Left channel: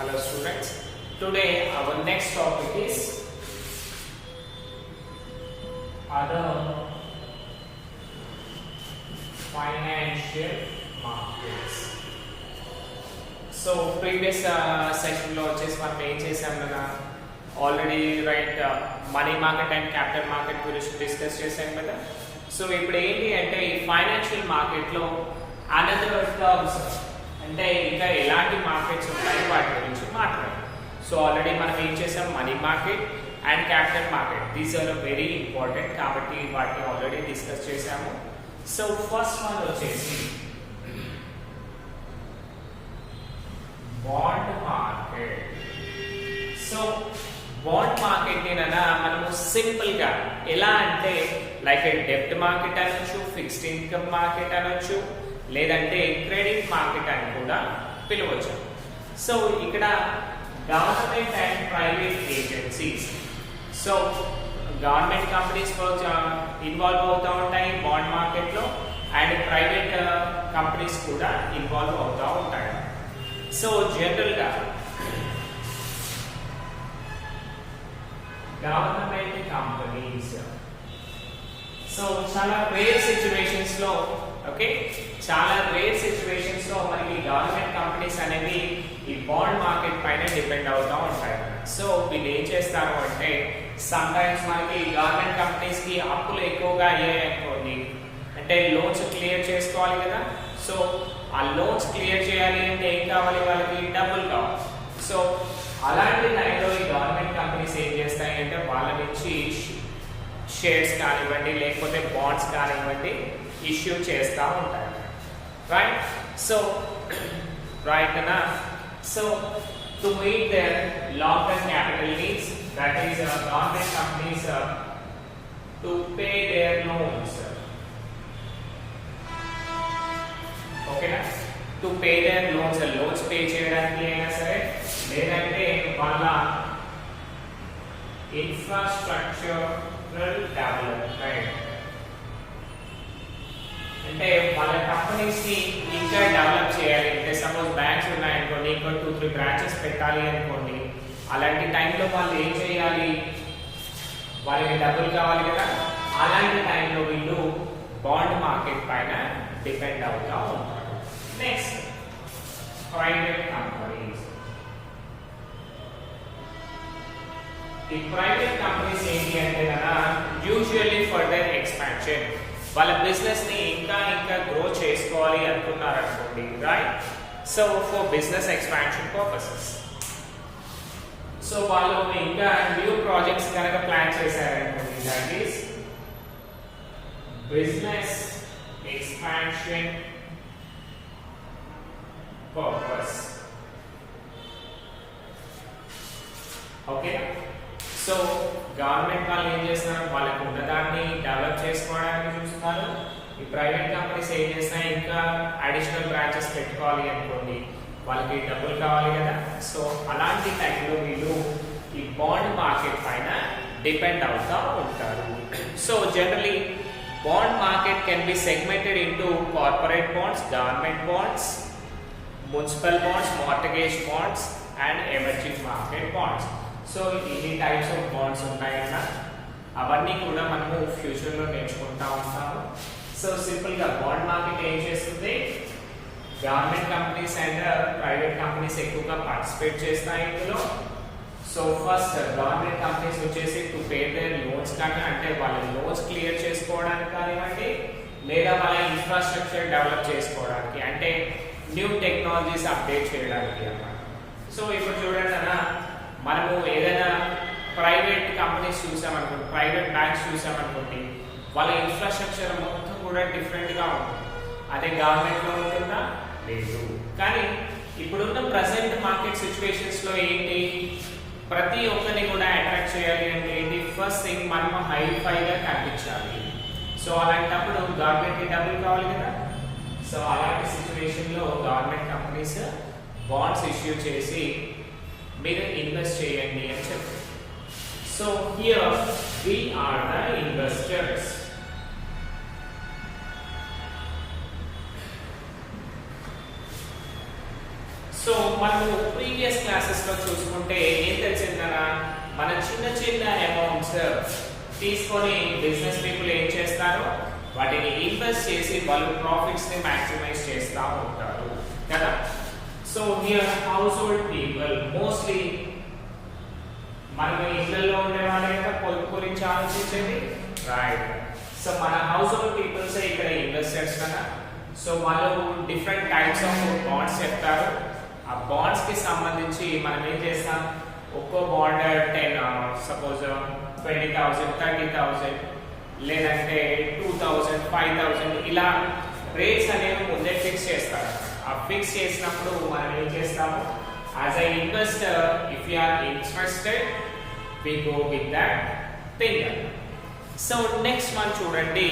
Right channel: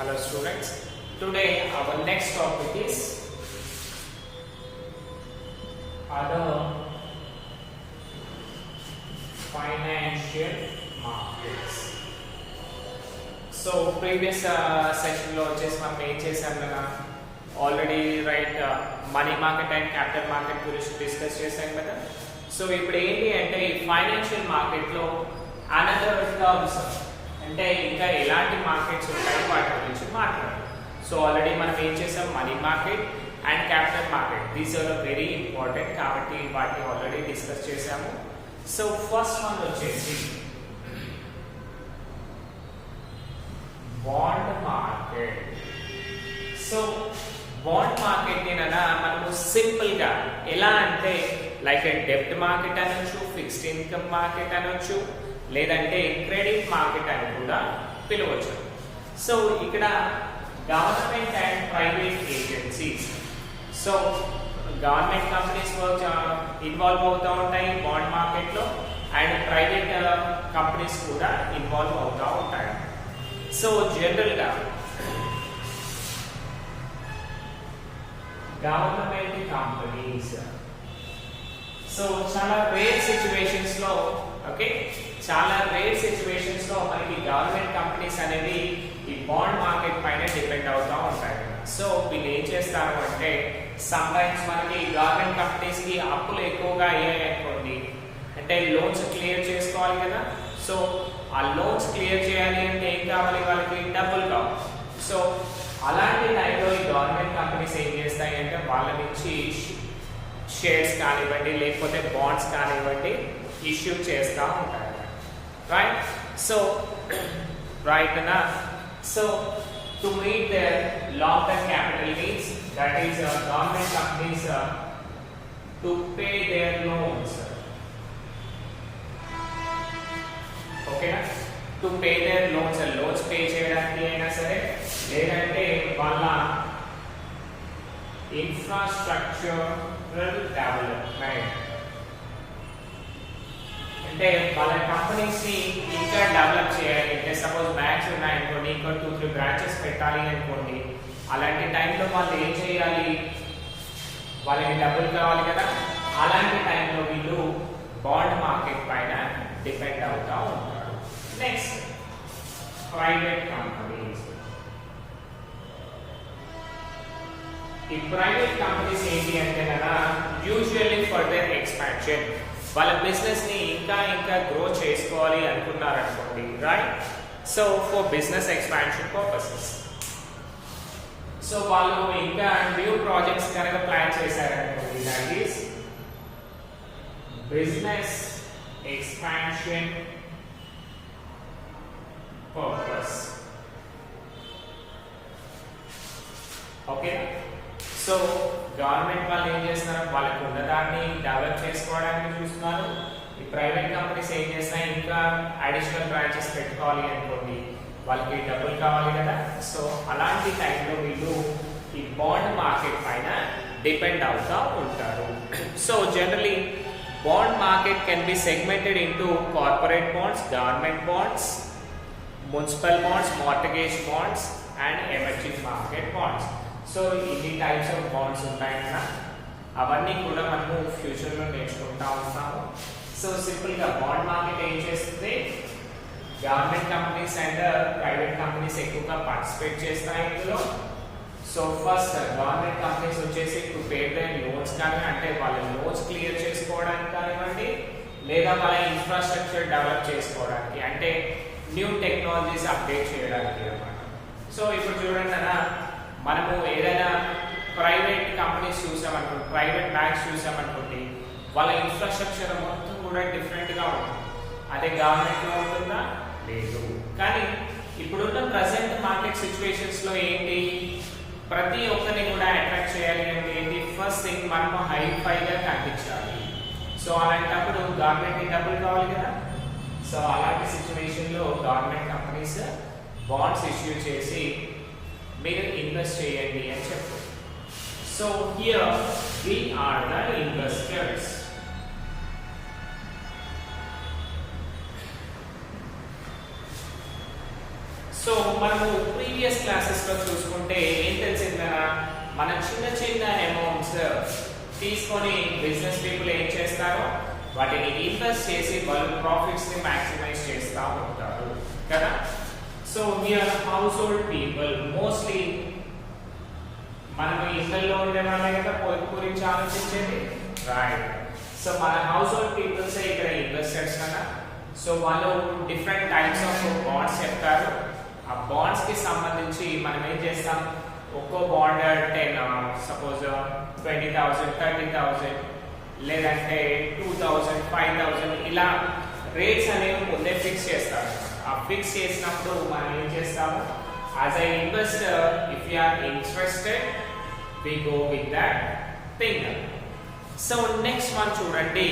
Hello students, today our next topic is other financial markets. So previous section లో వచ్చేసి మనం ఏం చేసాం కదా already money market and capital market గురించి డిస్కస్ చేసాం కదా. సో ఇప్పుడు ఏంటి అంటే ఈ ఫైనాన్షియల్ మార్కెట్ లో అనదర్ టర్మ్స్ అంటే ఇంకా ఎలాంటి మార్కెట్స్ ఉంటాయి వాటి గురించి మాట్లాడాలి. సో ఆల్రెడీ మనం ఏం చేసాం money market and capital market, these are very important కాబట్టి వాటిని ఆల్రెడీ డిస్కస్ చేసాము. సో ఫస్ట్ వన్ వచ్చేసి bond market. So bond market మనము సింపుల్ గా ఎలా అంటే లైక్ డెబ్ట్ మార్కెట్ అనొచ్చు, ఫిక్స్డ్ ఇన్కమ్ మార్కెట్ అనొచ్చు, లేదంటే క్రెడిట్ మార్కెట్ అని కూడా పిలవచ్చు. సో ఇక్కడ government and private agencies, so government companies involve అవుతూ ఉంటాయి బాండ్ మార్కెట్ లో, అండ్ ప్రైవేట్ కంపెనీస్ కూడా ఇన్వాల్వ్ అవుతూ ఉంటాయి. సో జనరల్ గా గవర్నమెంట్ కంపెనీస్ సో చాలా రేర్ సిచ్యువేషన్స్ లో మనకి గవర్నమెంట్ కంపెనీస్ అనేవి ఈ బాండ్ మార్కెట్ పైన డిపెండ్ అవుతూ ఉంటాయి. సో వీళ్ళు ఏం చేస్తారు అంటే సమ్ టైమ్స్ మనకి గవర్నమెంట్ కంపెనీస్ కి అప్పులు ఎక్కువగా అయ్యాయి అనుకోండి, అంటే లోన్స్ క్లియర్ చేసుకోవాలి కదా. సో ఆ లోన్స్ క్లియర్ చేయాలి అంటే ఏం కావాలి, వాళ్ళకి డబ్బులు కావాలి. సో అలాంటి టైంలో ఈ గవర్నమెంట్ కంపెనీస్ ఏం చేస్తాయి అంటే వాళ్ళ నుంచి షేర్స్ కానివ్వండి లేకపోతే బాండ్స్ కానివ్వండి ఇష్యూ చేస్తూ ఉంటాయి. Right so so to meet their long term capital needs, that is government companies to pay their loans, ఓకేనా, to pay their loans pay చేయడానికి అయినా సరే, లేదంటే వాళ్ళ ఇన్ఫ్రాస్ట్రక్చరల్ డెవలప్మెంట్ అంటే వాళ్ళ కంపెనీస్ ని ఇంకా డెవలప్ చేయాలి అంటే సపోజ్ బ్యాంక్స్ ఉన్నాయనుకోండి, ఇంకా 2-3 బ్రాంచెస్ పెట్టాలి అనుకోండి, అలాంటి టైంలో వాళ్ళు ఏం చేయాలి, వాళ్ళకి డబ్బులు కావాలి కదా. అలాంటి టైంలో వీళ్ళు బాండ్ మార్కెట్ పైన డిపెండ్ అవుతూ ఉంటారు. Next private companies. ఈ ప్రైవేట్ కంపెనీస్ ఏంటి అంటే యూజువల్లీ ఫర్ దేర్ ఎక్స్పాన్షన్, వాళ్ళ బిజినెస్ ని ఇంకా గ్రో చేసుకోవాలి అనుకున్నారు అనుకోండి, right. So for business expansion purposes, so వాళ్ళు ఇంకా న్యూ ప్రాజెక్ట్స్ కనుక ప్లాన్ చేశారనుకోండి, that is business expansion purpose. ఓకేనా. సో గవర్నమెంట్ వాళ్ళు ఏం చేస్తున్నారు, వాళ్ళకి ఉన్నదాన్ని డెవలప్ చేసుకోవడానికి చూస్తున్నారు. ఈ ప్రైవేట్ కంపెనీస్ ఏం చేస్తున్నాయి, ఇంకా అడిషనల్ బ్రాంచెస్ పెట్టుకోవాలి అనుకోండి, వాళ్ళకి డబ్బులు కావాలి కదా. సో అలాంటి టైంలో వీళ్ళు ఈ బాండ్ మార్కెట్ పైన డిపెండ్ అవుతూ ఉంటారు. So generally bond market can be segmented into corporate bonds, government bonds, municipal bonds, mortgage bonds and emerging market bonds. So ఇన్ని టైప్స్ ఆఫ్ బాండ్స్ ఉంటాయి కదా, అవన్నీ కూడా మనము ఫ్యూచర్ లో నేర్చుకుంటా ఉంటాము. సో సింపుల్ గా బాండ్ మార్కెట్ ఏం చేస్తుంది, government companies and private companies ఎక్కువగా పార్టిసిపేట్ చేస్తాయి ఇందులో. సో ఫస్ట్ గవర్నమెంట్ కంపెనీస్ వచ్చేసి టు పే దేర్ లోన్స్ కానీ, అంటే వాళ్ళ లోన్స్ క్లియర్ చేసుకోవడానికి కానివ్వండి, లేదా వాళ్ళ ఇన్ఫ్రాస్ట్రక్చర్ డెవలప్ చేసుకోవడానికి, అంటే న్యూ టెక్నాలజీస్ అప్డేట్ చేయడానికి అన్నమాట. సో ఇప్పుడు చూడండి మనము ఏదైనా ప్రైవేట్ కంపెనీస్ చూసామనుకోండి, ప్రైవేట్ బ్యాంక్స్ చూసామనుకోండి, వాళ్ళ ఇన్ఫ్రాస్ట్రక్చర్ మొత్తం కూడా డిఫరెంట్ గా ఉంటుంది. అదే గవర్నమెంట్ లో ఉంటుందా, లేదు. కానీ ఇప్పుడున్న ప్రెసెంట్ మార్కెట్ సిచ్యువేషన్స్ లో ఏంటి, ప్రతి ఒక్కరిని కూడా అట్రాక్ట్ చేయాలి అంటే ఏంటి, ఫస్ట్ థింగ్ మనము హైఫైగా కనిపించాలి. సో అలాంటప్పుడు గవర్నమెంట్ కి డబ్బులు కావాలి కదా. సో అలాంటి సిచ్యువేషన్ లో గవర్నమెంట్ కంపెనీస్ బాండ్స్ ఇష్యూ చేసి మీరు ఇన్వెస్ట్ చేయండి అని చెప్తారు. So here we are the investors. So మనము ప్రీవియస్ క్లాసెస్ లో చూసుకుంటే ఏం తెలిసిందనా, మన చిన్న చిన్న అమౌంట్స్ తీసుకొని బిజినెస్ పీపుల్ ఏం చేస్తారో వాటిని ఇన్వెస్ట్ చేసి వాళ్ళు ప్రాఫిట్స్ ని మాక్సిమైజ్ చేస్తూ ఉంటారు కదా. So here house hold people mostly మనం ఇళ్లలో ఉండే వాళ్ళే కదా పొదుపు గురించి ఆలోచించేది, రైట్. సో మన హౌస్ హోల్డ్ పీపుల్స్ ఇక్కడ ఇన్వెస్టర్స్ కదా. సో వాళ్ళు డిఫరెంట్ టైప్స్ ఆఫ్ బాండ్స్ చెప్తారు. ఆ బాండ్స్ కి సంబంధించి మనం ఏం చేస్తాం, ఒక్కో బాండ్ 10 సపోజ్ 20,000 30,000 లేదంటే 2,000 5,000 ఇలా రేట్స్ అనేవి ముందే ఫిక్స్ చేస్తారు. ఆ ఫిక్స్ చేసినప్పుడు మనం ఏం చేస్తాము, as a investor if you are interested we go with that thing. So next one చూడండి,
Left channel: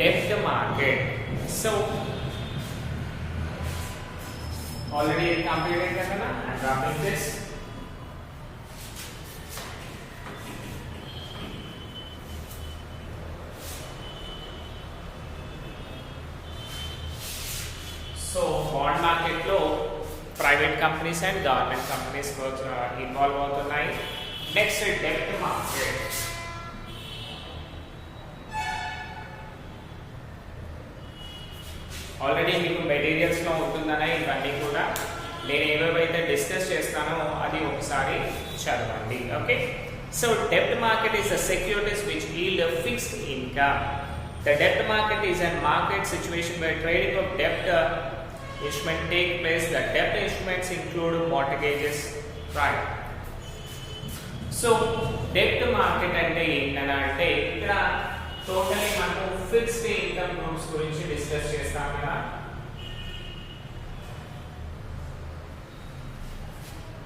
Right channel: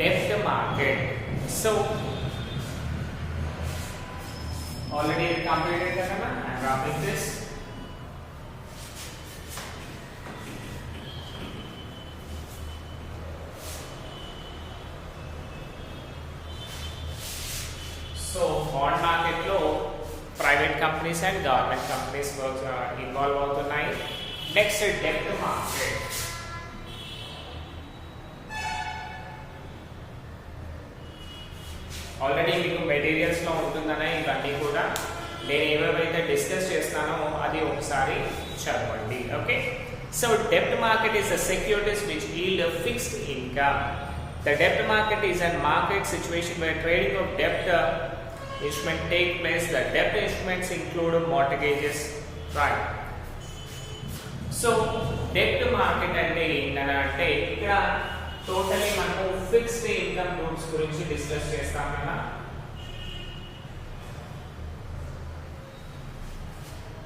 debt market. So already completed కదా, I'm wrapping this. So bond market లో private companies and government companies involve అవుతున్నాయి. Next డెబ్ట్ market. Already మీకు materials లో ఉంటుందనే ఇవన్నీ కూడా నేను ఏవేవైతే డిస్కస్ చేస్తానో అది ఒకసారి చదవండి. ఓకే. సో డెబ్ట్ market is the securities which yield a fixed income. The debt market is a market situation where trading of debt instrument take place. The debt instruments include mortgages, right? So debt market అంటే ఏంటంటే ఇక్కడ totally మనకు fixed income groups గురించి discuss చేస్తాం కదా.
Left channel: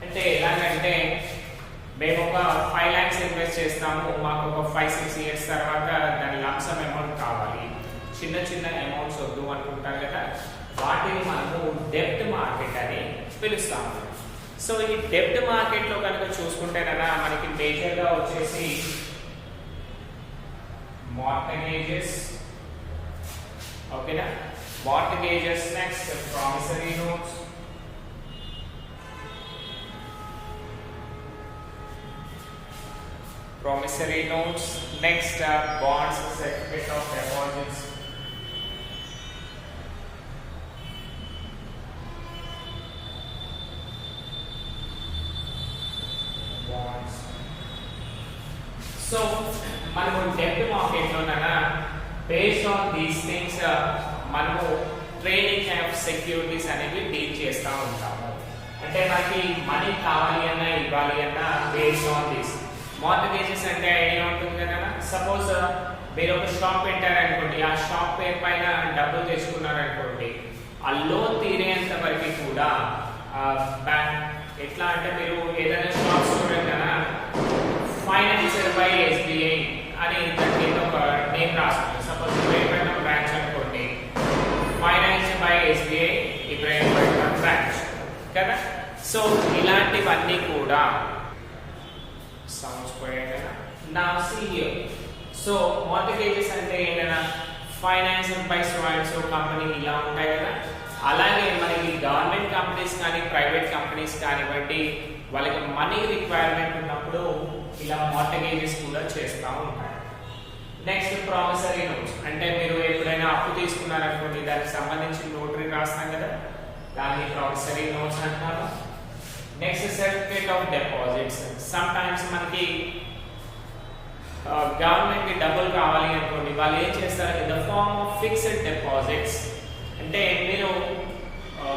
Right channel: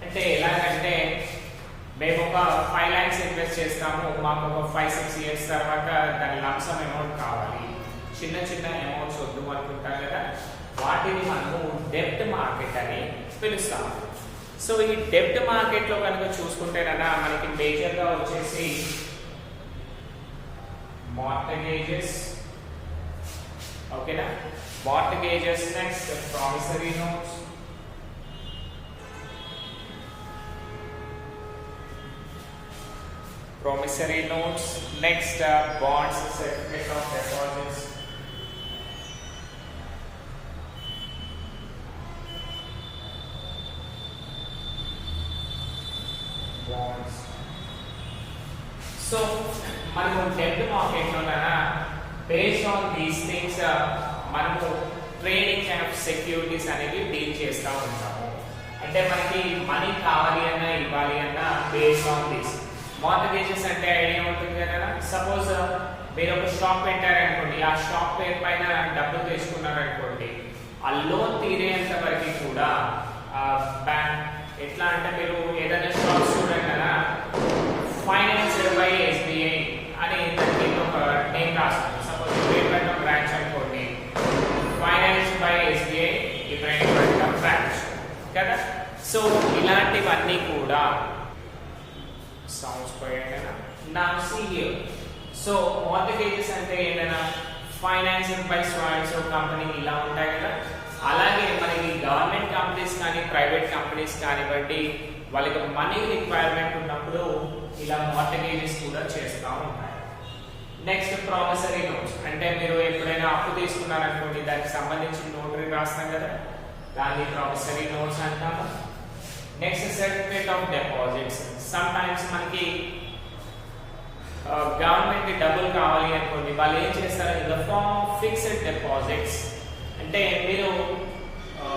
అంటే ఎలాగంటే మేము ఒక 5 lakhs ఇన్వెస్ట్ చేస్తాము, మాకు ఒక 5-6 years తర్వాత దాని లంసమ్ అమౌంట్ కావాలి, చిన్న చిన్న అమౌంట్స్ వద్దు అనుకుంటారు కదా, వాటిని మనము డెబ్ట్ మార్కెట్ అని పిలుస్తాము. సో ఈ డెబ్ట్ మార్కెట్ లో కనుక చూసుకుంటేనన్నా మనకి మేజర్ గా వచ్చేసి మార్టగేజెస్, ఓకేనా, mortgages, next promissory notes, promissory notes, next bonds, certificate of deposits, bonds. So మనము డెబ్ట్ మార్కెట్ లో based on these things మనము ట్రేడింగ్ ఆఫ్ సెక్యూరిటీస్ అనేవి డీల్ చేస్తూ ఉంటాము. అంటే మనకి మనీ కావాలి అన్నా ఇవ్వాలి అన్నా based on this. మార్టగేజెస్ అంటే ఐడియా ఉంటుంది కదా. సపోజ్ మీరు ఒక షాప్ పెట్టారనుకోండి, ఆ షాప్ పేరు పైన డబ్బులు తెచ్చుకున్నారనుకోండి, ఆ లోన్ తీరేంత వరకు కూడా ఎట్లా అంటే మీరు ఏదైనా షాప్ చూడండి కదా, ఫైనాన్స్డ్ బై SBI అని దానికి ఒక నేమ్ రాస్తుంది. సపోజ్ ఇబ్రహీంపట్నం బ్రాంచ్ అనుకోండి, finance by SBI Ibrahimpatnam branch కదా. సో ఇలాంటివన్నీ కూడా sounds quite now see here. So mortgages అంటే ఏంటన్నా financed by so and so company ఇలా ఉంటాయి కదా. అలాగే మనకి గవర్నమెంట్ కంపెనీస్ కానీ ప్రైవేట్ కంపెనీస్ కానివ్వండి, వాళ్ళకి మనీ రిక్వైర్మెంట్ ఉన్నప్పుడు ఇలా మార్టగేజెస్ కూడా చేస్తూ ఉంటారు. నెక్స్ట్ ప్రామిసరీ నోట్స్ అంటే మీరు ఎప్పుడైనా అప్పు తీసుకున్నారనుకోండి, దానికి సంబంధించి నోటరీ రాస్తాం కదా, దాన్ని ప్రామిసరీ నోట్స్ అంటారు. Next certificate of deposits. Sometimes మనకి గవర్నమెంట్ కి డబ్బులు కావాలి అనుకోండి, వాళ్ళు ఏం చేస్తారు, in the form of fixed deposits. అంటే మీరు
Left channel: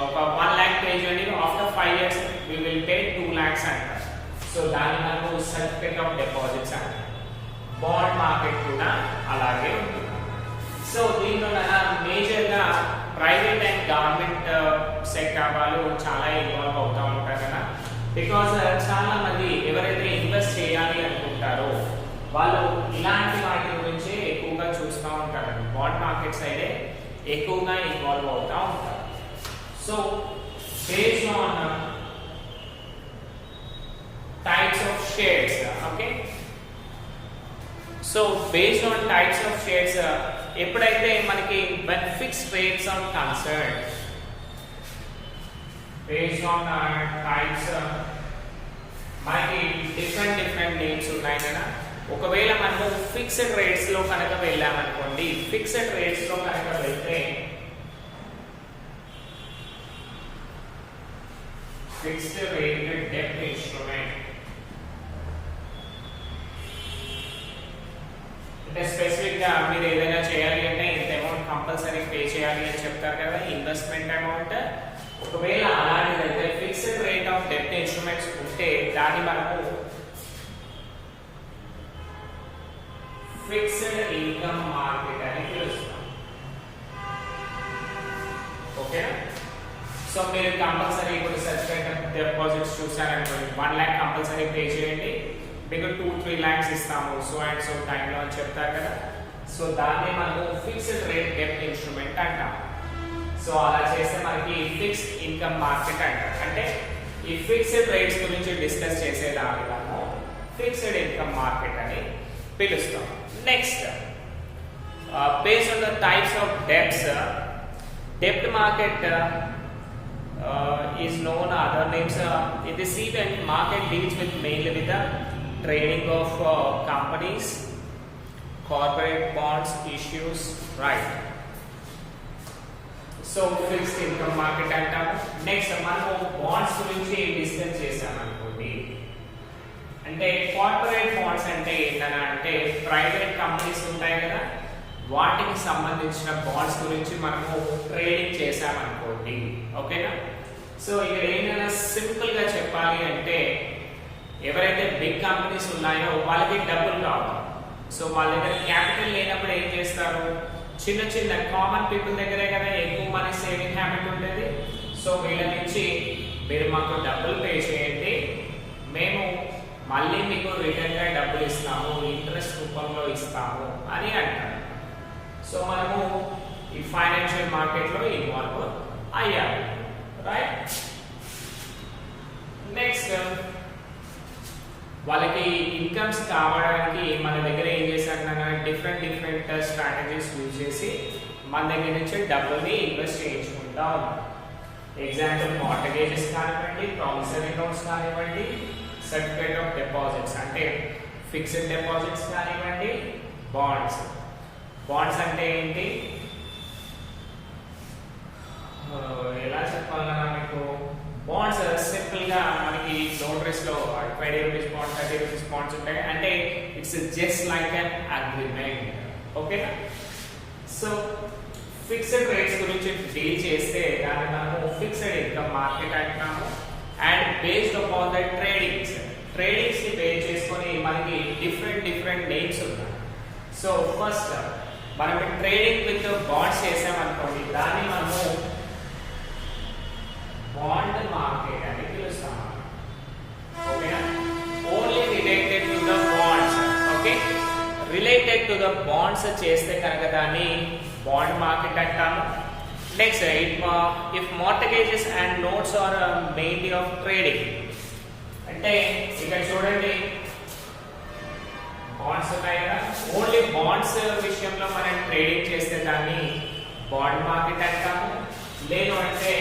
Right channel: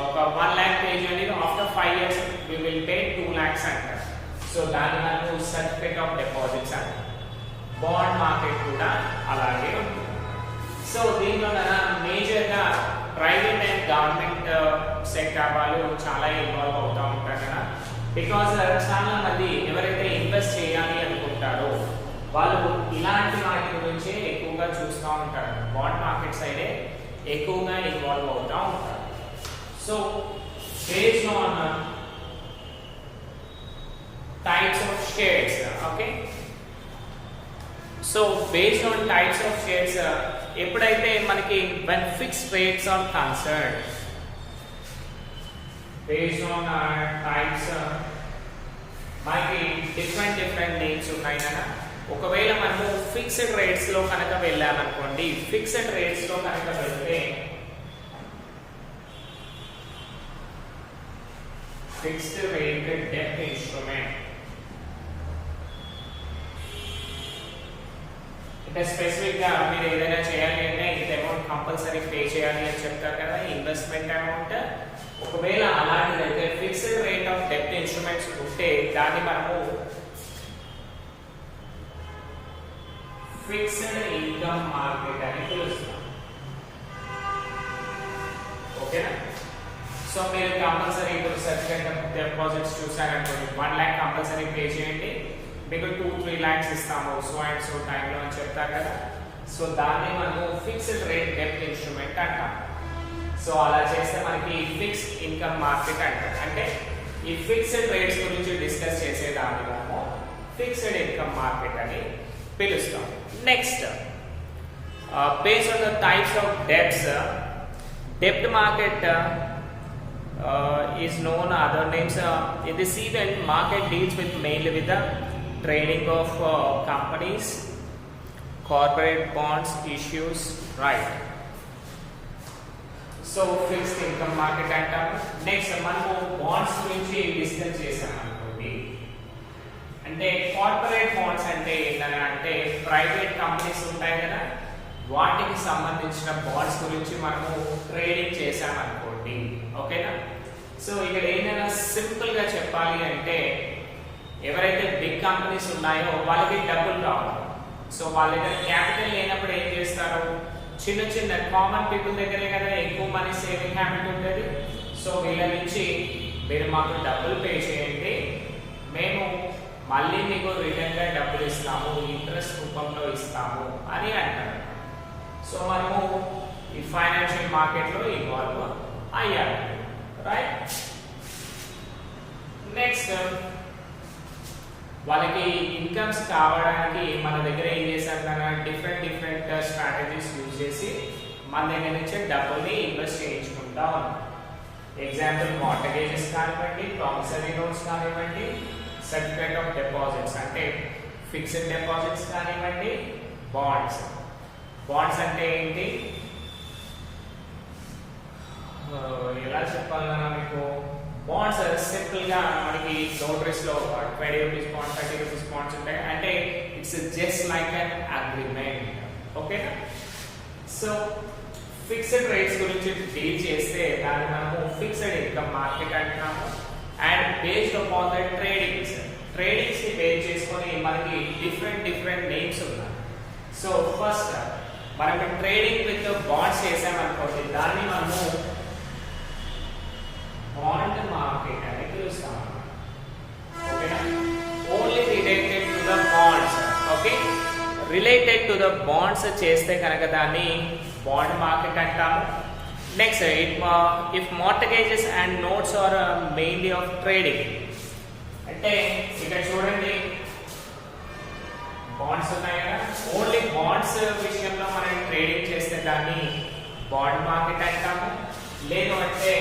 ఒక 1 lakh పే చేయండి, after 5 years we will pay 2 lakhs అంటారు. సో దాన్ని మనకు సర్టిఫికేట్ ఆఫ్ డిపాజిట్స్ అంటారు. బాండ్ మార్కెట్ కూడా అలాగే ఉంటుంది. సో దీంట్లో మేజర్ గా ప్రైవేట్ అండ్ గవర్నమెంట్ సెక్టర్ వాళ్ళు చాలా ఇన్వాల్వ్ అవుతూ ఉంటారు కదా. బికాస్ చాలా మంది ఎవరైతే ఇన్వెస్ట్ చేయాలి అనుకుంటారో వాళ్ళు ఇలాంటి వాటి గురించి ఎక్కువగా చూస్తూ ఉంటారు. బాండ్ మార్కెట్ సైడే ఎక్కువగా ఇన్వాల్వ్ అవుతూ ఉంటారు. So based on types of shares, okay. So based on types of shares ఎప్పుడైతే మనకి when fixed rates are concerned, based on types మనకి డిఫరెంట్ నేమ్స్ ఉన్నాయి కదా. ఒకవేళ మనము ఫిక్స్డ్ రేట్స్ లో కనుక వెళ్ళామనుకోండి, ఫిక్స్డ్ రేట్స్ లో కనుక వెళ్తే ఫిక్స్డ్ రేట్ డెప్ట్ ఇన్స్ట్రుమెంట్ అంటే స్పెసిఫిక్ గా మీరు ఏదైనా చేయాలి అంటే ఇంత అమౌంట్ కంపల్సరీ పే చేయాలి అని చెప్తారు కదా, ఇన్వెస్ట్మెంట్ అమౌంట్. ఒకవేళ అలాంటిదైతే ఫిక్స్డ్ రేట్ ఆఫ్ డెప్ట్ ఇన్స్ట్రుమెంట్స్ ఉంటే దాన్ని మనము ఫిక్స్డ్ ఇన్కమ్ మార్కెట్ అని పిలుస్తాం. ఓకేనా? సో మీరు కంపల్సరీ ఇప్పుడు సర్టిఫికేట్ డిపాజిట్స్ చూసారనుకోండి, 1 lakh కంపల్సరీ పే చేయండి, మీకు 2-3 lakhs ఇస్తాము సో అండ్ సో టైంలో అని చెప్తారు కదా. సో దాన్ని మనము ఫిక్స్డ్ రేట్ డెప్ట్ ఇన్స్ట్రుమెంట్ అంటాం. సో అలా చేస్తే మనకి ఫిక్స్డ్ ఇన్కమ్ మార్కెట్ అంటారు. అంటే ఈ ఫిక్స్డ్ రేట్స్ గురించి డిస్కస్ చేసేదాన్ని మనము ఫిక్స్డ్ ఇన్కమ్ మార్కెట్ అని పిలుస్తాం. Next, based on the types of debts, debt market is known other names. In the second, market deals with mainly with the trading of companies, corporate bonds issues, right? So fixed income market అంటాము. Next మనము bonds గురించి discuss చేసాం అనుకోండి. అంటే corporate bonds అంటే ఏంటంటే private companies ఉంటాయి కదా, వాటికి సంబంధించిన బాండ్స్ గురించి మనము ట్రేడింగ్ చేసామనుకోండి. ఓకేనా? సో ఇక్కడ ఏంటంటే సింపుల్ గా చెప్పాలి అంటే ఎవరైతే బిగ్ కంపెనీస్ ఉన్నాయో వాళ్ళకి డబ్బులు కావాలి. సో వాళ్ళ దగ్గర క్యాపిటల్ లేనప్పుడు ఏం చేస్తారు, చిన్న చిన్న కామన్ పీపుల్ దగ్గరే కదా ఎక్కువ మనీ సేవింగ్ హ్యాబిట్ ఉండేది. సో వీళ్ళ నుంచి మీరు మాకు డబ్బులు పే చేయండి, మేము మళ్ళీ మీకు రిటర్న్ గా డబ్బులు ఇస్తాము, ఇంట్రెస్ట్ రూపంలో ఇస్తాము అని అంటారు. సో మనము ఈ ఫైనాన్షియల్ మార్కెట్ లో ఇన్వాల్వ్ అయ్యాము, రైట్? నెక్స్ట్, వాళ్ళకి ఇన్కమ్స్ కావడానికి మన దగ్గర ఏం చేశారు, డిఫరెంట్ స్ట్రాటజీస్ యూజ్ చేసి మన దగ్గర నుంచి డబ్బుల్ని ఇన్వెస్ట్ చేయించుకుంటా ఉన్నాం. ఎగ్జాంపుల్ మార్టగేజెస్ కానివ్వండి, ప్రామిసరీ నోట్స్ కానివ్వండి, సర్టిఫికేట్ ఆఫ్ డిపాజిట్స్ అంటే ఫిక్స్డ్ డిపాజిట్స్ కానివ్వండి, బాండ్స్. బాండ్స్ అంటే ఏంటి, ఎలా చెప్పాలన్నా మీకు, బాండ్స్ సింపుల్ గా మనకి నోటరీస్ లో 20 రూపీస్ బాండ్స్, 30 రూపీస్ బాండ్స్ ఉంటాయి. అంటే it's just like an agreement. ఓకేనా? సో ఫిక్స్డ్ రేట్స్ గురించి డీల్ చేస్తే దాన్ని మనము ఫిక్స్డ్ ఇన్కమ్ మార్కెట్ అంటున్నాము. And based upon the tradings ని బేస్ చేసుకొని మనకి డిఫరెంట్ నేమ్స్ ఉన్నాయి. సో ఫస్ట్ మనం ట్రేడింగ్ విత్ బాండ్స్ చేసామనుకోండి, దాన్ని మనము బాండ్ మార్కెట్ అని పిలుస్తాం. ఓకేనా? Only related to the bonds. Okay, related to the bonds చేస్తే కనుక దాన్ని బాండ్ మార్కెట్ అంటాము. Next, if mortgages and notes are mainly of trading, అంటే ఇక్కడ చూడండి బాండ్స్ ఉన్నాయి కదా, ఓన్లీ బాండ్స్ విషయంలో మనం ట్రేడింగ్ చేస్తే దాన్ని బాండ్ మార్కెట్ అంటాము. లేదు అంటే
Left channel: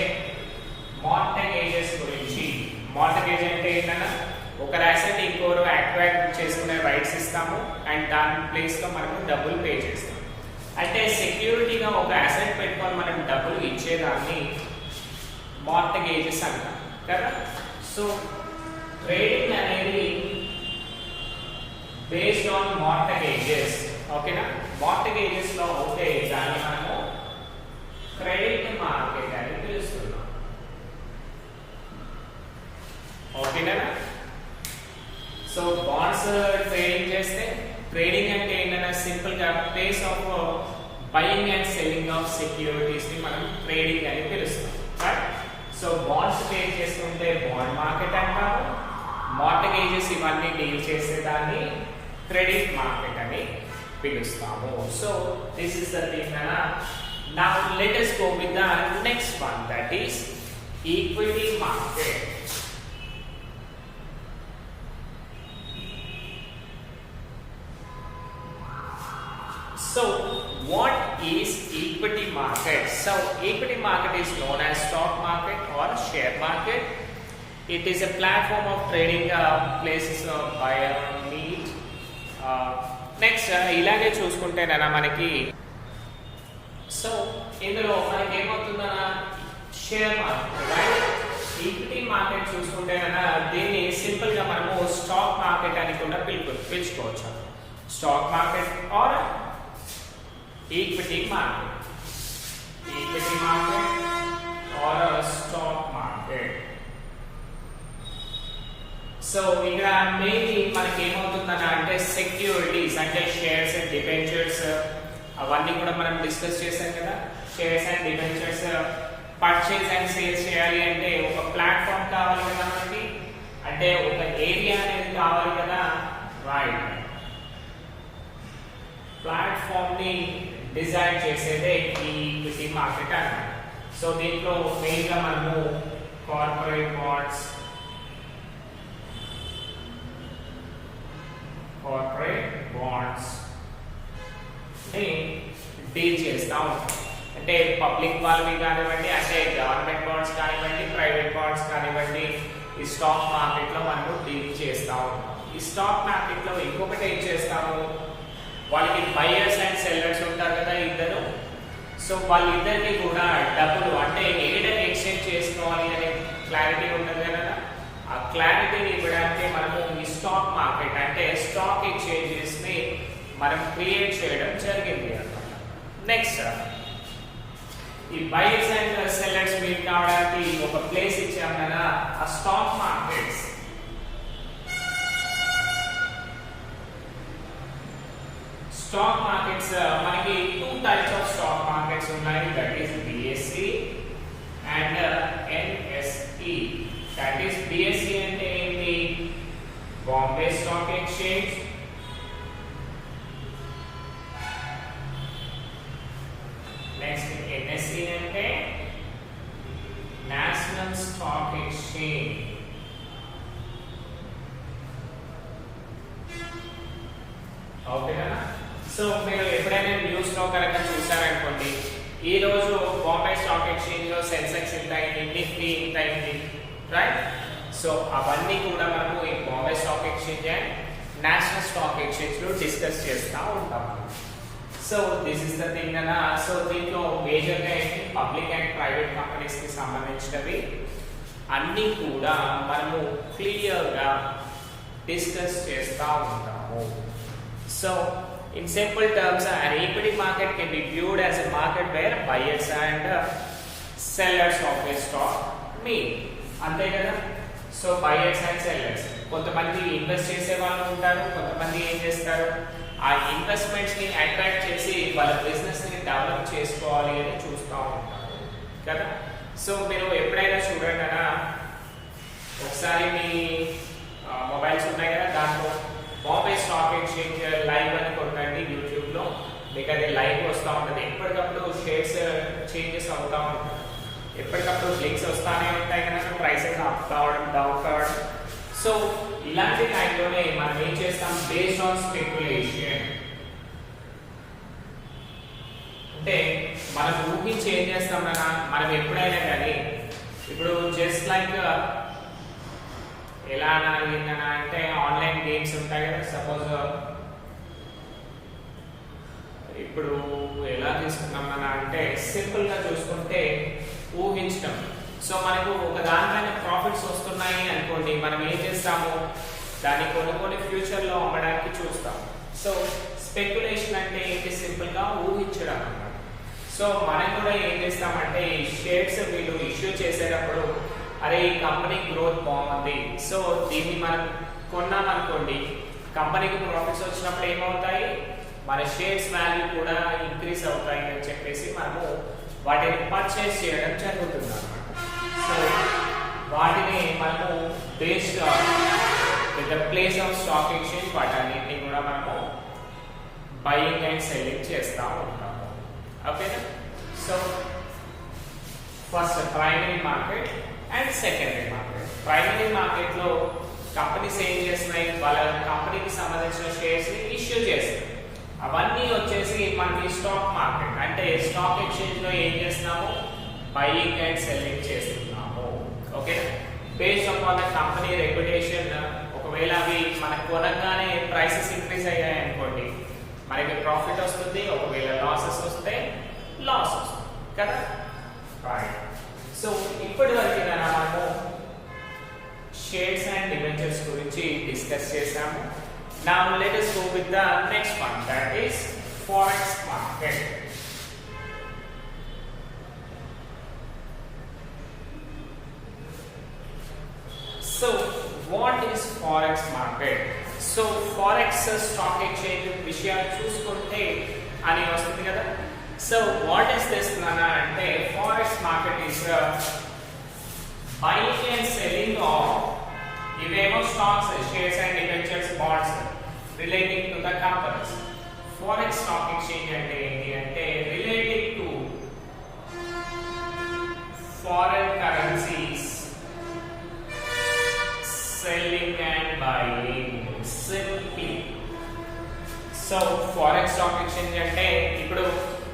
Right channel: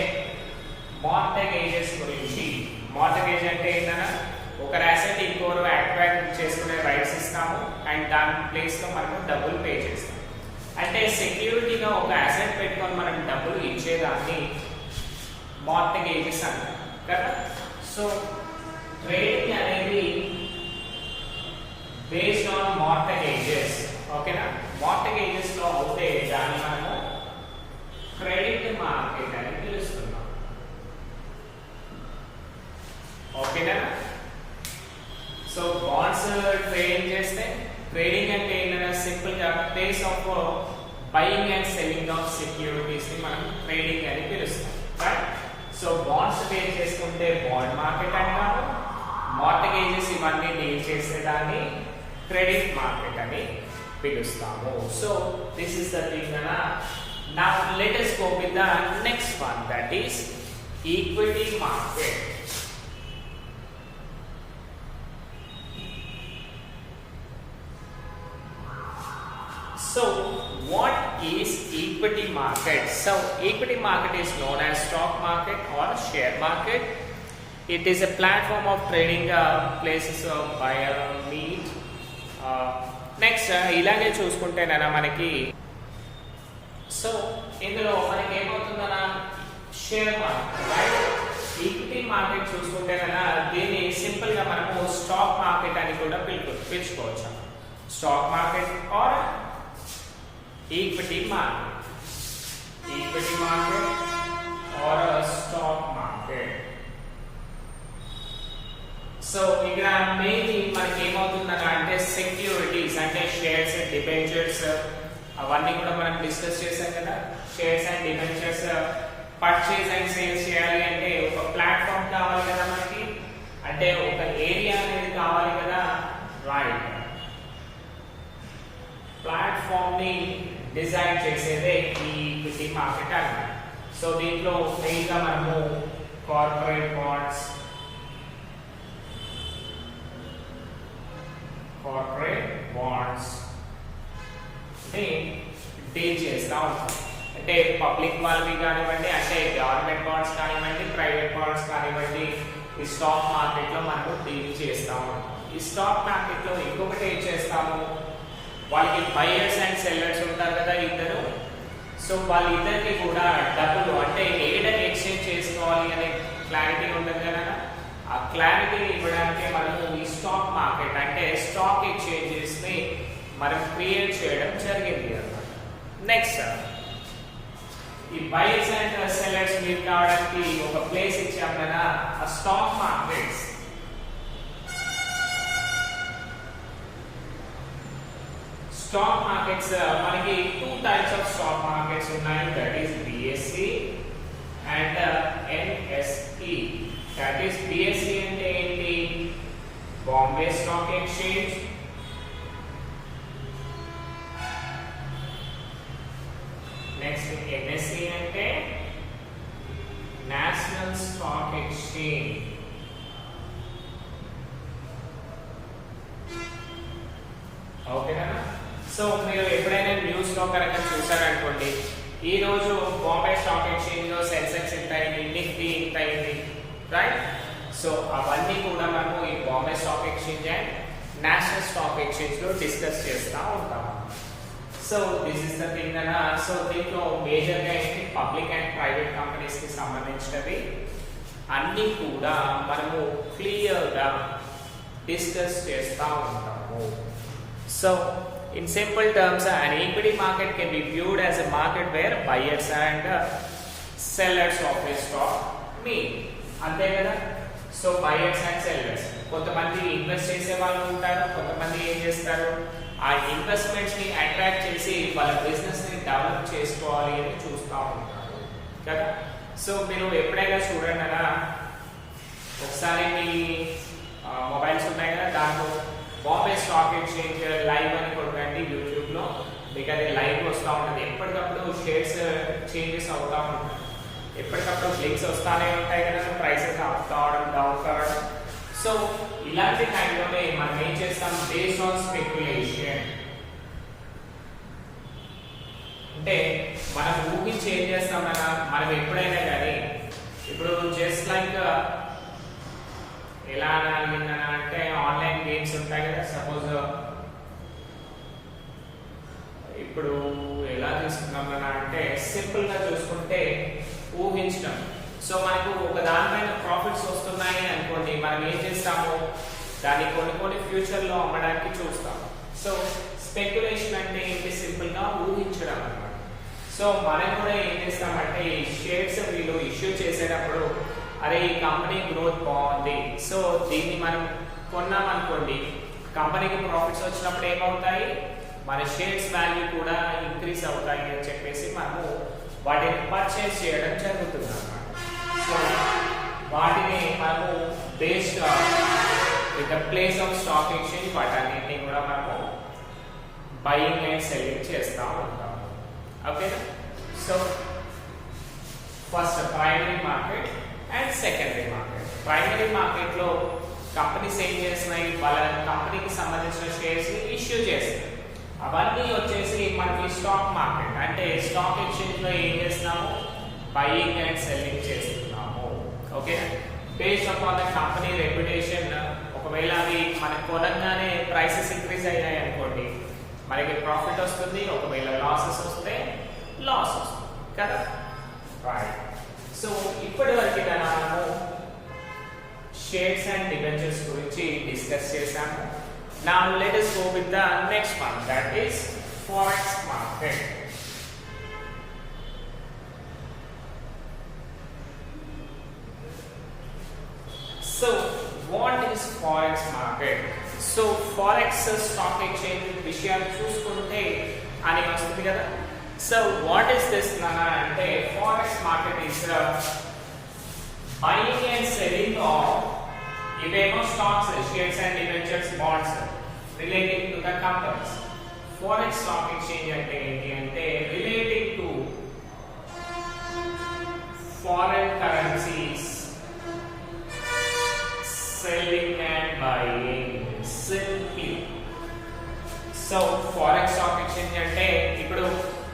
మార్టగేజెస్ గురించి, మార్టగేజ్ అంటే ఏంటన్నా ఒక అసెట్ ఇంకోరు అక్వైర్ చేసుకునే రైట్స్ ఇస్తాము అండ్ దాని ప్లేస్ లో మనము డబ్బులు పే చేస్తాం. అంటే సెక్యూరిటీగా ఒక అసెట్ పెట్టుకొని మనం డబ్బులు ఇచ్చేదాన్ని మార్టగేజెస్ అంటాం కదా. సో ట్రేడింగ్ అనేది బేస్డ్ ఆన్ మార్టగేజెస్. ఓకేనా? మార్టగేజెస్ లో అవుతే దాన్ని మనము క్రెడిట్ మార్కెట్ అని పిలుస్తున్నాం. ఓకేనా? సో బాండ్స్ ట్రేడింగ్ చేస్తే, ట్రేడింగ్ అంటే ఏంటంటే సింపుల్ గా place of buying and selling of securities ని మనం ట్రేడింగ్ అని పిలుస్తాం, రైట్? సో బాండ్స్ పే చేసుకుంటే బాండ్ మార్కెట్ అంటాము. మార్టగేజెస్ ఇవన్నీ డీల్ చేసేదాన్ని క్రెడిట్ మార్కెట్ అని పిలుస్తాము. So this is the thing. Now let us go with the next one, that is equity market. So what is equity market? So equity market is known as stock market or share market. It is a platform of trading places of buyer meet. Next ఇలాగే చూసుకుంటేనన్నా మనకి so ఇందులో మనకి ఏమవుతుందన్నా share market right. Equity market చూసుకుంటేనన్నా దీన్ని simple గా మనము స్టాక్ మార్కెట్ అని కూడా పిలుచుకోవచ్చు. Stock market or equity market, equity market or stock market. So ఇక్కడ మెయిన్లీ మనకి ఏమవుతుందన్న అంటే సెక్యూరిటీస్ అంటే షేర్స్ అండ్ డిబెంచర్స్ అవన్నీ కూడా మనం డిస్కస్ చేసాం కదా. Shares and debentures purchase and sales చేయాలి అంటే ఒక ప్లాట్ఫామ్ కావాలి కదా మనకి, అంటే ఒక ఏరియా అనేది కావాలి కదా రైట్. ప్లాట్ఫామ్ ని డిజైన్ చేసేదే ఈ ఈక్విటీ మార్కెట్ అన్నమాట. సో దీంట్లో మెయిన్ గా మనము కార్పొరేట్ బాండ్స్, ని డీల్ చేస్తా ఉంటాం. అంటే పబ్లిక్ వాళ్ళవి కానివ్వండి, అంటే గవర్నమెంట్ బాండ్స్ కానివ్వండి, ప్రైవేట్ బాండ్స్ కానివ్వండి, ఈ స్టాక్ మార్కెట్ లో మనము డీల్ చేస్తా ఉంటాం. ఈ స్టాక్ మార్కెట్ లో ఇంకొకటి ఏం చేస్తాము, వాళ్ళకి బయర్స్ అండ్ సెల్లర్స్ ఉంటారు కదా ఇద్దరు. సో వాళ్ళిద్దరికి కూడా డబ్బులు అంటే ఏడని ఎక్స్చేంజ్ చేసుకోవాలి అనే క్లారిటీ ఉంటుంది కదా. ఆ క్లారిటీని ఇవ్వడానికి మనము ఈ స్టాక్ మార్కెట్ అంటే స్టాక్ ఎక్స్చేంజెస్ ని మనం క్రియేట్ చేయడం జరిగింది అన్నమాట. నెక్స్ట్ ఈ బయర్స్ అండ్ సెల్లర్స్ మీట్ కావడానికి ఒక ప్లేస్ ఇచ్చాం కదా, ఆ స్టాక్ మార్కెట్స్. స్టాక్ మార్కెట్స్ మనకి 2 టైప్స్ ఆఫ్ స్టాక్ మార్కెట్స్ ఉన్నాయి. That is BSE and NSE. That is BSE అంటే ఏంటి, Bombay stock exchange. Next NSE అంటే నేషనల్ స్టాక్ ఎక్స్చేంజ్. ఓకేనా. సో మీరు ఎప్పుడైనా న్యూస్ లో కనుక చూసారనుకోండి, ఈ రోజు బాంబే స్టాక్ ఎక్స్చేంజ్ లో సెన్సెక్స్ ఎంత అయింది, నిఫ్టీ ఎంత అయింది రైట్. సో అవన్నీ కూడా మనం ఈ Bombay stock exchange and national stock exchange లో డిస్కస్ చేస్తూ ఉంటాం. So this is the thing అన్న. సో దీంట్లో మేజర్ గా ఏంటి, పబ్లిక్ అండ్ ప్రైవేట్ కంపెనీస్ కి సంబంధించినవి అన్ని కూడా మనము క్లియర్ గా డిస్కస్ చేస్తూ ఉంటాము. So in simple terms, an equity market can be viewed as a market where buyers and sellers of a stock meet. అంతే కదా. సో బయర్స్ అండ్ సెల్లర్స్, కొంతమంది ఇన్వెస్ట్ చేసే వాళ్ళు ఉంటారు, కొంతమంది ఏం చేస్తారు, ఆ ఇన్వెస్ట్మెంట్స్ ని అట్రాక్ట్ చేసి వాళ్ళ బిజినెస్ ని డెవలప్ చేసుకోవాలి అని చూస్తూ ఉంటారు కదా. సో మీరు ఎప్పుడైనా చూడండి అలా, ఒకసారి మీ మొబైల్స్ ఉన్నాయి కదా, దాంట్లో బాంబే స్టాక్ ఎక్స్చేంజ్ లైవ్ అని కొట్టండి యూట్యూబ్ లో, మీకు అది లైవ్ వస్తూ ఉంటుంది. ఎప్పటికప్పుడు షేర్స్ చేంజెస్ అవుతూ ఉంటాయి, ఎప్పటికప్పుడు లింక్స్ వస్తానే ఉంటాయి కదా, ప్రైసెస్ అప్ కావడం డౌన్ కావడం. సో ఇలాంటి టైంలోనే మనం ఏం చేస్తాం, బేస్డ్ ఆన్ స్పెక్యులేషన్ అంటే మనం ఊహించి ఏం చేస్తాం కదా, మనం ఎప్పుడైనా కానీ ఇప్పుడు జస్ట్ లైక్ ఎలా అడిగిందనా అంటే ఆన్లైన్ గేమ్స్ ఉంటాయి కదా. సపోజ్ ఇప్పుడు ఎలా తీసుకున్నాం మన అంటే సింపుల్ గా చూసుకుంటే ఊహించడం. సో మనకు ఒక దానిపైన ప్రాఫిట్స్ వస్తున్నాయి అనుకోండి, మనం ఏం చేస్తాము, దాన్ని కొన్ని ఫ్యూచర్ లో అమ్మడానికి చూస్తాము. సో స్పెక్యులేషన్ అంటే ఏంటి, సింపుల్ గా ఊహించడం అన్నమాట. సో మనం కూడా ఏం చేస్తామంటే ఈ షేర్స్ వీళ్ళు ఇష్యూ చేసేటప్పుడు, అరే ఈ కంపెనీ గ్రోత్ బాగుంది, సో దీన్ని మనం కొన్నాం అనుకోండి, కంపెనీకి ప్రాఫిట్స్ వచ్చినప్పుడు ఏమవుతాయి, మన షేర్స్ వాల్యూ కూడా ఇంక్రీజ్ అవుతాయి అని చెప్పేసి మనము వాటిని పర్చేస్ చేయడం జరుగుతుంది అన్నమాట. సో వాటిని మనము based with the place of stock exchange వాటన్నిటిని కూడా మనము బయింగ్ అండ్ సెల్లింగ్ చేస్తూ ఉంటాము. ఓకేనా. So first primary market and secondary market. Primary market లో కంపెనీస్ ఏం చేస్తున్నాయి, వాళ్ళ కంపెనీకి సంబంధించిన షేర్స్ ని ఇష్యూ చేస్తారు. అవన్నీ వచ్చేసి మనకి స్టాక్ మార్కెట్ అంటే స్టాక్ ఎక్స్చేంజ్ లో ఏం చేస్తున్నాము, బయింగ్ అండ్ సెల్లింగ్ చేస్తున్నాము. Okay, based upon the company reputation. ఒకవేళ అవి మనకు కొనగానే ప్రైసెస్ ఇంక్రీజ్ అయ్యాయి అనుకోండి, మనకి ప్రాఫిట్ వస్తుంది. ఒకవేళ లాసెస్ వస్తే లాస్ వస్తుంది కదా, రైట్. సో ఇప్పటి వరకు మనము షేర్స్ అండ్ డిబెంచర్స్ గురించి డిస్కస్ చేసాము. Now let us go with the next one, that is forex market. So what is forex market? So forex stock exchange విషయాలు చూసుకుంటే అని వస్తుంది కదా. So what is this nana ante forex market is buying and selling of ఇవేమో stocks, shares and debentures, bonds relating to the companies. Forex stock exchange అంటే ఏంటి అంటే related to foreign currencies selling and buying simply. So forex stock exchange అంటే ఇప్పుడు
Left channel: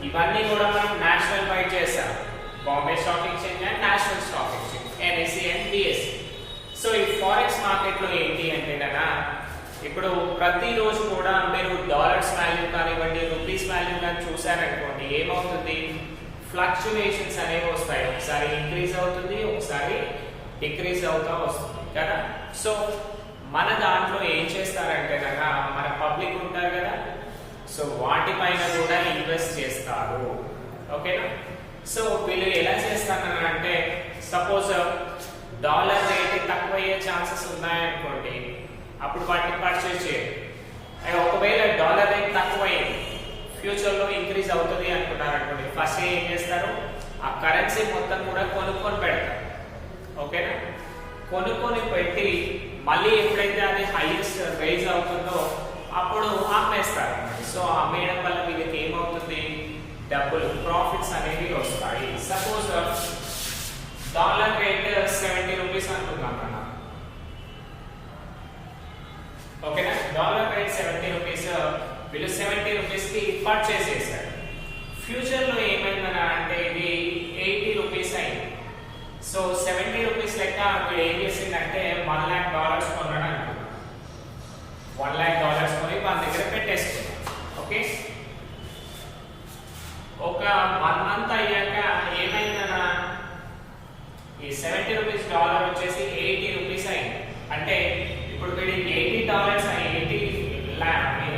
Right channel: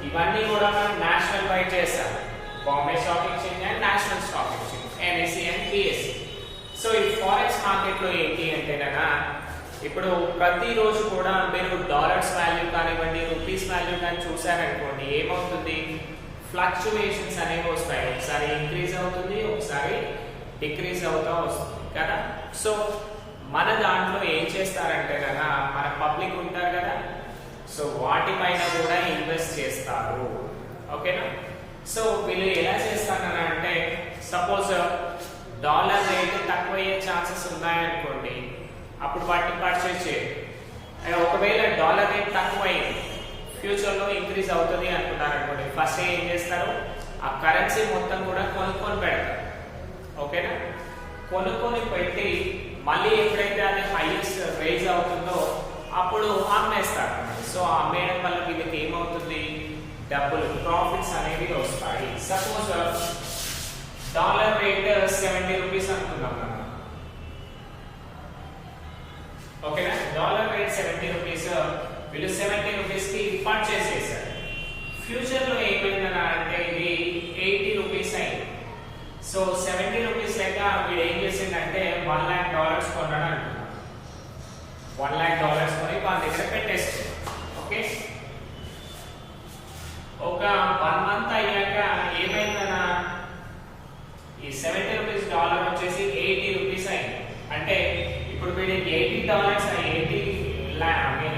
ఇవన్నీ కూడా మనం national wide చేస్తాం, Bombay stock exchange and national stock exchange, NSC and BSC. So ఈ ఫారెక్స్ మార్కెట్ లో ఏంటి అంటేనా, ఇప్పుడు ప్రతిరోజు కూడా మీరు డాలర్స్ వాల్యూ కానివ్వండి, రూపీస్ వాల్యూ కానీ చూసారనుకోండి, ఏమవుతుంది, ఫ్లక్చువేషన్స్ అనేవి వస్తాయి. ఒకసారి ఇంక్రీజ్ అవుతుంది, ఒకసారి డిక్రీజ్ అవుతూ వస్తుంది కదా. సో మన దాంట్లో ఏం చేస్తారంటే కదా, మన పబ్లిక్ ఉంటారు కదా, సో వాటిపైన కూడా ఇన్వెస్ట్ చేస్తారు. ఓకేనా. సో వీళ్ళు ఎలా చేస్తారని అంటే, సపోజ్ డాలర్ రేట్ తక్కువ అయ్యే ఛాన్సెస్ ఉన్నాయనుకోండి, అప్పుడు వాటిని పర్చేజ్ చేయండి. ఒకవేళ డాలర్ రేట్ తక్కువ అయ్యింది, ఫ్యూచర్ లో ఇంక్రీజ్ అవుతుంది అనుకున్నారు అనుకోండి, ఫస్ట్ ఏం చేస్తారు, ఆ కరెన్సీ మొత్తం కూడా కొనుక్కొని పెడతారు. ఓకేనా. కొనుక్కొని పెట్టి మళ్ళీ ఎప్పుడైతే అది హైయెస్ట్ రైజ్ అవుతుందో అప్పుడు అమ్మేస్తారు. సో అమ్మేయడం వల్ల వీళ్ళకి ఏమవుతుంది, డబ్బులు ప్రాఫిట్స్ అనేవి వస్తాయి. సపోజ్ డాలర్ రేట్ 70 రూపీస్ అనుకుందాం మనం. ఓకేనా. డాలర్ రేట్ 70 రూపీస్, వీళ్ళు 70 రూపీస్ కి పర్చేస్ చేశారు. ఫ్యూచర్ లో ఏమైందన్నా అంటే ఇది 80 రూపీస్ అయింది. సో 70 రూపీస్ లెక్క వీడు ఏం చేసిందంటే $1,00,000 కొన్నాడు అనుకున్నాం. $1,00,000 కొని వాళ్ళ దగ్గర పెట్టేస్తే, ఓకే. ఒక 1 మంత్ అయ్యాక ఏమైందన్నా ఈ 70 రూపీస్ డాలర్ వచ్చేసి 80 రూపీస్ అయింది. అంటే ఇప్పుడు వీడి $80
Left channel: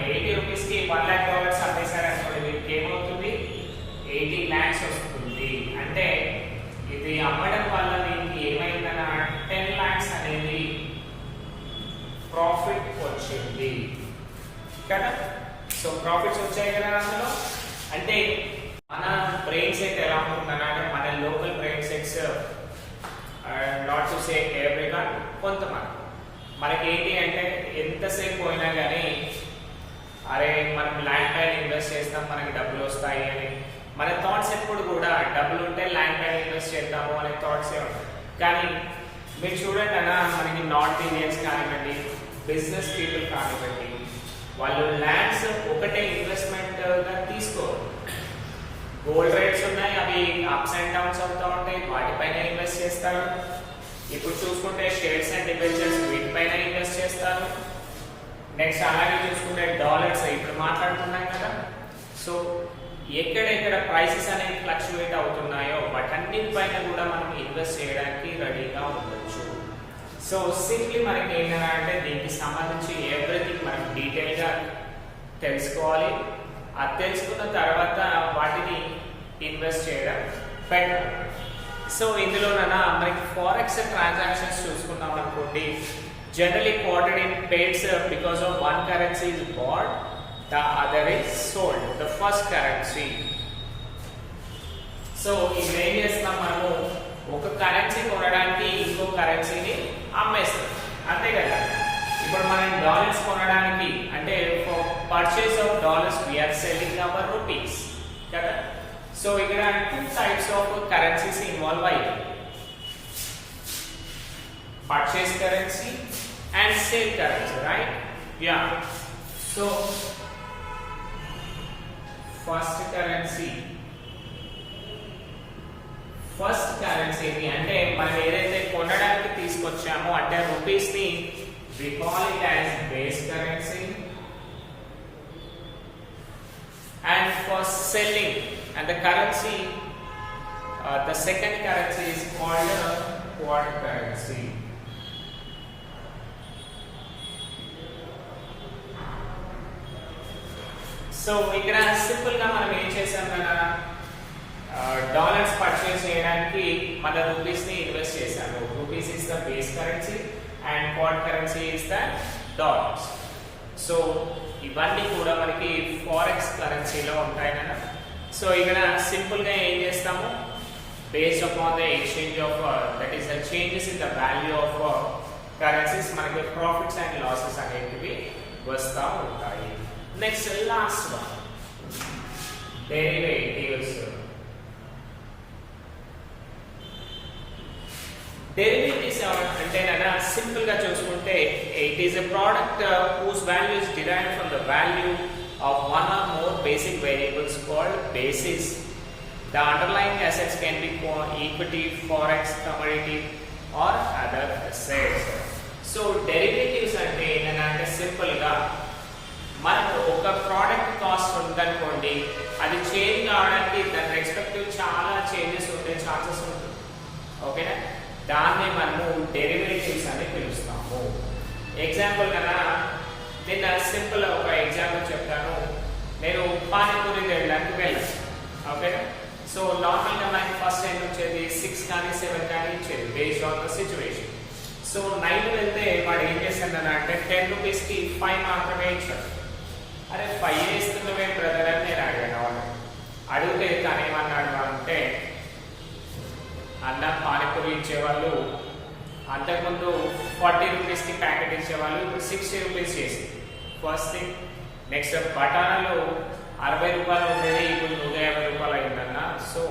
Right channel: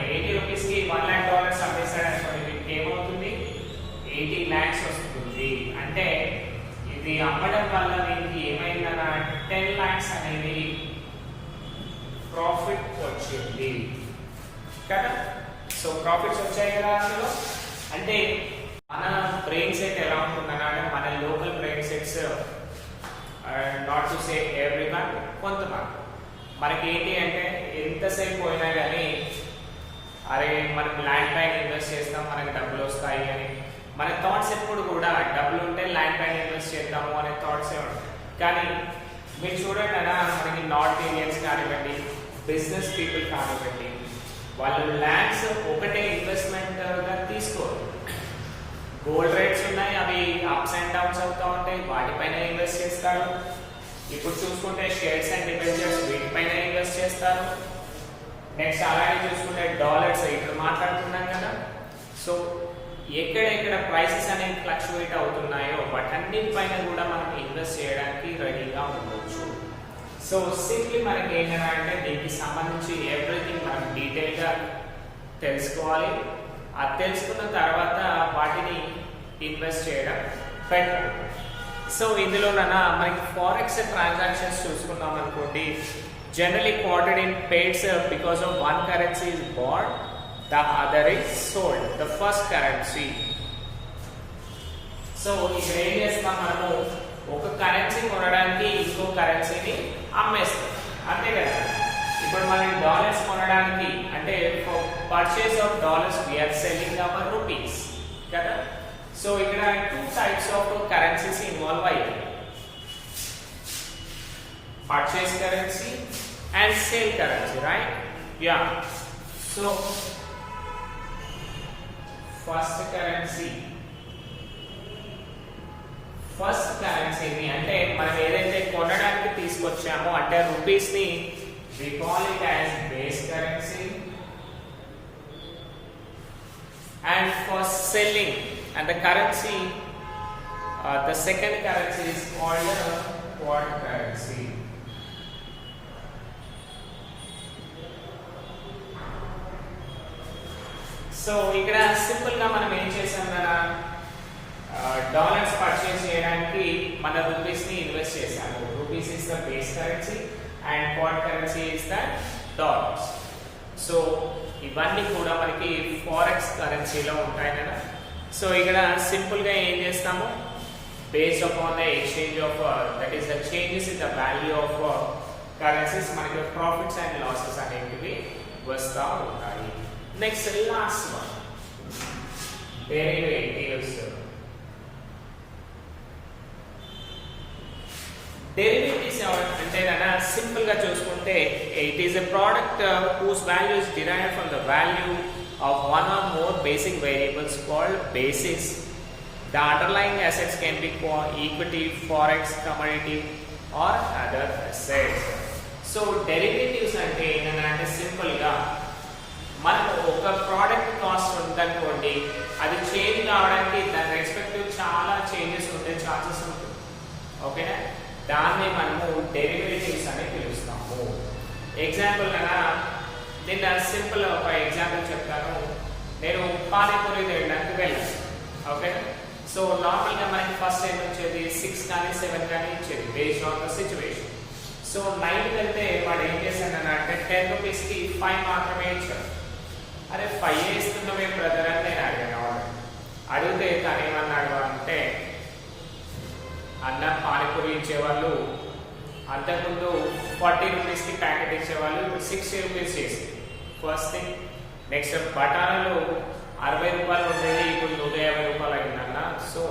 80 రూపీస్ కి $1,00,000 అమ్మేశారు అనుకోండి, వీడికి ఏమవుతుంది, 80 lakhs వస్తుంది. అంటే ఇది అమ్మడం వల్ల వీరికి ఏమైందన్నా 10 lakhs అనేది ప్రాఫిట్ వచ్చింది కదా. సో ప్రాఫిట్స్ వచ్చాయి కదా అందులో. అంటే మన బ్రెయిన్ సెట్ ఎలా ఉంటుందన్నా, మన local brain sets, not to say everyone, కొంతమంది మనకి ఏంటి అంటే ఎంతసేపు పోయినా కానీ అరే మనం ల్యాండ్ పైన ఇన్వెస్ట్ చేస్తాం మనకి డబ్బులు వస్తాయి అని మన థాట్స్ ఎప్పుడు కూడా డబ్బులు ఉంటే ల్యాండ్ పైన ఇన్వెస్ట్ చేద్దాము అనే థాట్సే ఉంటాయి. కానీ మీరు చూడండి అలా మనకి నార్త్ ఇండియన్స్ కానివ్వండి, బిజినెస్ పీపుల్ కానివ్వండి, వాళ్ళు ల్యాండ్స్ ఒకటే ఇన్వెస్ట్మెంట్ గా తీసుకోరు. గోల్డ్ రేట్స్ ఉన్నాయి, అవి అప్స్ అండ్ డౌన్స్ అవుతూ ఉంటాయి, వాటిపైన ఇన్వెస్ట్ చేస్తారు. ఇప్పుడు చూసుకుంటే షేర్స్ అండ్ డిబెంచర్స్ వీటిపైన ఇన్వెస్ట్ చేస్తారు. నెక్స్ట్ అలాగే చూసుకుంటే డాలర్స్ ఇప్పుడు మాట్లాడుతున్నాం కదా. సో ఎక్కడెక్కడ ప్రైసెస్ అనేవి ఫ్లక్చువేట్ అవుతున్నాయో వాటన్నిటిపైన కూడా మనం ఇన్వెస్ట్ చేయడానికి రెడీగా ఉండొచ్చు. సో సింప్లీ మనకి ఏంటంటే అంటే దీనికి సంబంధించి ఎవ్రీథింగ్ మనం డీటెయిల్ గా తెలుసుకోవాలి. అది తెలుసుకున్న తర్వాత వాటిని ఇన్వెస్ట్ చేయడం బెటర్. సో ఇందులోనైనా మనకి ఫారెక్స్ ట్రాన్సాక్షన్స్ చూసుకున్నాం అనుకోండి, generally quoted in pairs because of one currency is bought, the other is sold, the first currency. So ఇప్పుడు ఏం చేస్తున్నాం, మనము ఒక కరెన్సీ కొనడానికి ఇంకో కరెన్సీని అమ్మేస్తాం, అంతే కదా. ఇప్పుడు మనం డాలర్స్ కొనడానికి అంటే for purchase of dollars we are selling our rupees కదా. సో ఇక్కడ 2 types ఆఫ్ కరెన్సీస్ ఇన్వాల్వ్ అయ్యాయి, purchase currency and sale currency, right? Yeah. So first కరెన్సీని అంటే మనం ఏదైతే కొనడానికి తీసుకొచ్చామో అంటే రూపీస్ ని we call it as base currency, and for selling and the currency the second currency is called quad currency. So ఇక్కడ simple గా మనం ఏం చేసాం కదా, డాలర్స్ పర్చేస్ చేయడానికి మన రూపీస్ ని ఇన్వెస్ట్ చేశాము. Rupees is the base currency and quad currency is the dollars. So ఇవన్నీ కూడా మనకి ఫారెక్స్ కరెన్సీలో ఉంటాయి కదా. సో ఇక్కడ సింపుల్ గా ఏం చేస్తాము, based upon the exchange of that is the changes in the value of currencies మనకి ప్రాఫిట్స్ అండ్ లాసెస్ అనేటివి వస్తూ ఉంటాయి. Next last one, derivatives. Derivatives అంటే సింపుల్ గా చూసుకుంటే it is a product whose value is derived from the value of one or more basic variables called basis. The underlying assets can be equity, forex, commodity or other assets. So derivatives అంటే ఏంటంటే simple గా మనం ఒక product cost ఉందనుకోండి, అది change కావడానికి దాని respective చాలా చేంజెస్ ఉంటాయి, ఛార్జెస్ ఉంటుంది. ఓకేనా, దాన్ని మనము డెరివేటివ్స్ అని పిలుస్తాము. ఎగ్జాంపుల్ కన్నా నేను సింపుల్ ఒక ఎగ్జాంపుల్ చెప్తాను. నేను పానీపూరి తినడానికి వెళ్ళాను. ఓకేనా, సో నార్మల్ గా మనకి ఫస్ట్ ఎంత వచ్చేది 6 కానీ 7 కానీ ఇచ్చేది based on the situation. So night వెళ్తే వాడు ఏం చేశాడు అంటే 10 రూపీస్ కి 5 మాత్రమే ఇచ్చాడు. అరే 5 ఇస్తున్నావే బ్రదర్ అని నేను అడిగాను. వాళ్ళు అడిగితే తను ఏమన్నాడు అంటే, అన్న పానీపూరి ఇచ్చేవాళ్ళు అంతకుముందు 40 రూపీస్ కి ప్యాకెట్ ఇచ్చేవాళ్ళు, ఇప్పుడు 60 రూపీస్ చేసి ఫస్ట్ థింగ్. నెక్స్ట్ బఠానాలు 60 రూపాయలు ఉండేది, ఇప్పుడు 150 రూపాయలు అయిందన్న. సో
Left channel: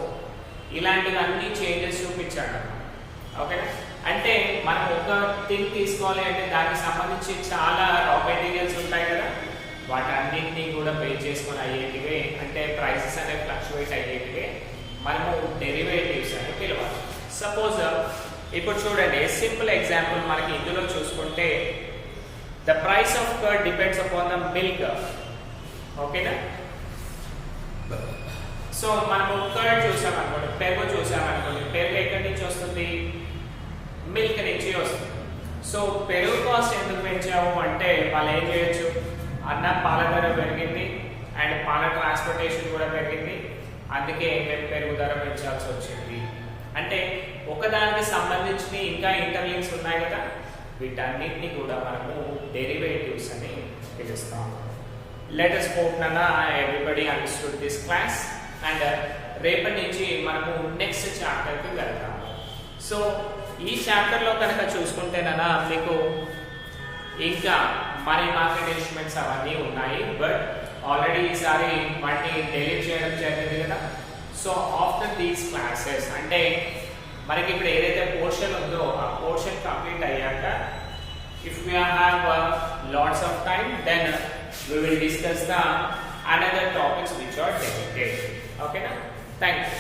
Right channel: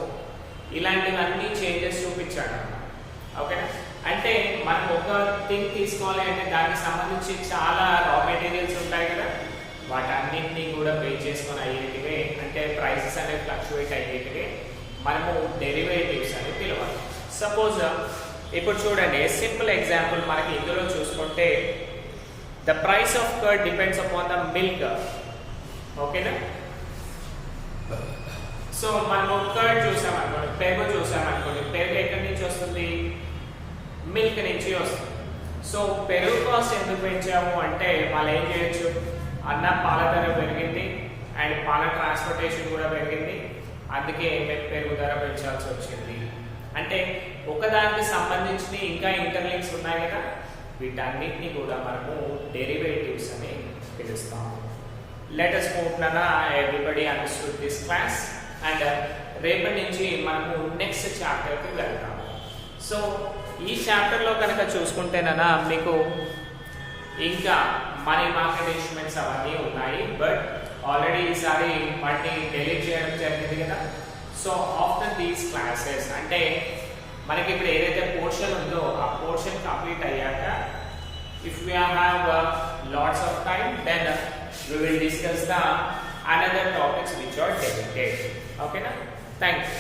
ఇలాంటివన్నీ చేంజెస్ చూపించాడు అన్న. ఓకేనా, అంటే మనం ఒక థింగ్ తీసుకోవాలి అంటే దానికి సంబంధించి చాలా రా మెటీరియల్స్ ఉంటాయి కదా, వాటన్నింటినీ కూడా బేస్ చేసుకొని అయ్యేటివే, అంటే ప్రైసెస్ అనేవి ఫ్లక్చువేట్ అయ్యేటివే మనము డెరివేటివ్స్ అని పిలవాలి. సపోజ్ ఇప్పుడు చూడండి, సింపుల్ ఎగ్జాంపుల్ మనకి ఇందులో చూసుకుంటే the price of curd depends upon the milk. ఓకేనా, సో మనము కర్డ్ చూసామనుకోండి, పెరుగు చూసామనుకోండి, పెరుగు ఎక్కడి నుంచి వస్తుంది, మిల్క్ నుంచి వస్తుంది. సో పెరుగు కాస్ట్ ఎందుకు పెంచాము అంటే వాళ్ళు ఏం చేయొచ్చు, అన్న పాల ధర పెరిగింది అండ్ పాల ట్రాన్స్పోర్టేషన్ కూడా పెరిగింది, అందుకే మేము పెరుగు ధర పెంచాల్సి వచ్చింది. అంటే ఒకదానికి సంబంధించిన ఇంకా ఇంటర్లింక్స్ ఉన్నాయి కదా, వీటన్నిటిని కూడా మనము డెరివేటివ్స్ అని పిలుస్తాము. Let us hope Nana everybody understood this class, and రేపటి నుంచి మనము నెక్స్ట్ చాప్టర్ కి వెళ్తాము. సో ఈ చాప్టర్ లో కనుక చూసుకుంటే నానా మీకు ఇంకా మనీ మార్కెట్ ఇన్స్ట్రుమెంట్స్ అవన్నీ ఉన్నాయి, బట్ ఆల్రెడీ ఈసారి వాటిని డిలీట్ చేయడం జరిగింది కదా. సో ఆఫ్టర్ దీస్ క్లాసెస్ అంటే మనకి ఇప్పుడు ఏదైతే పోర్షన్ ఉందో ఆ పోర్షన్ కంప్లీట్ అయ్యాక, if we have lots of time, then we will discuss the another topics which are dedicated. Okay na? Thank you.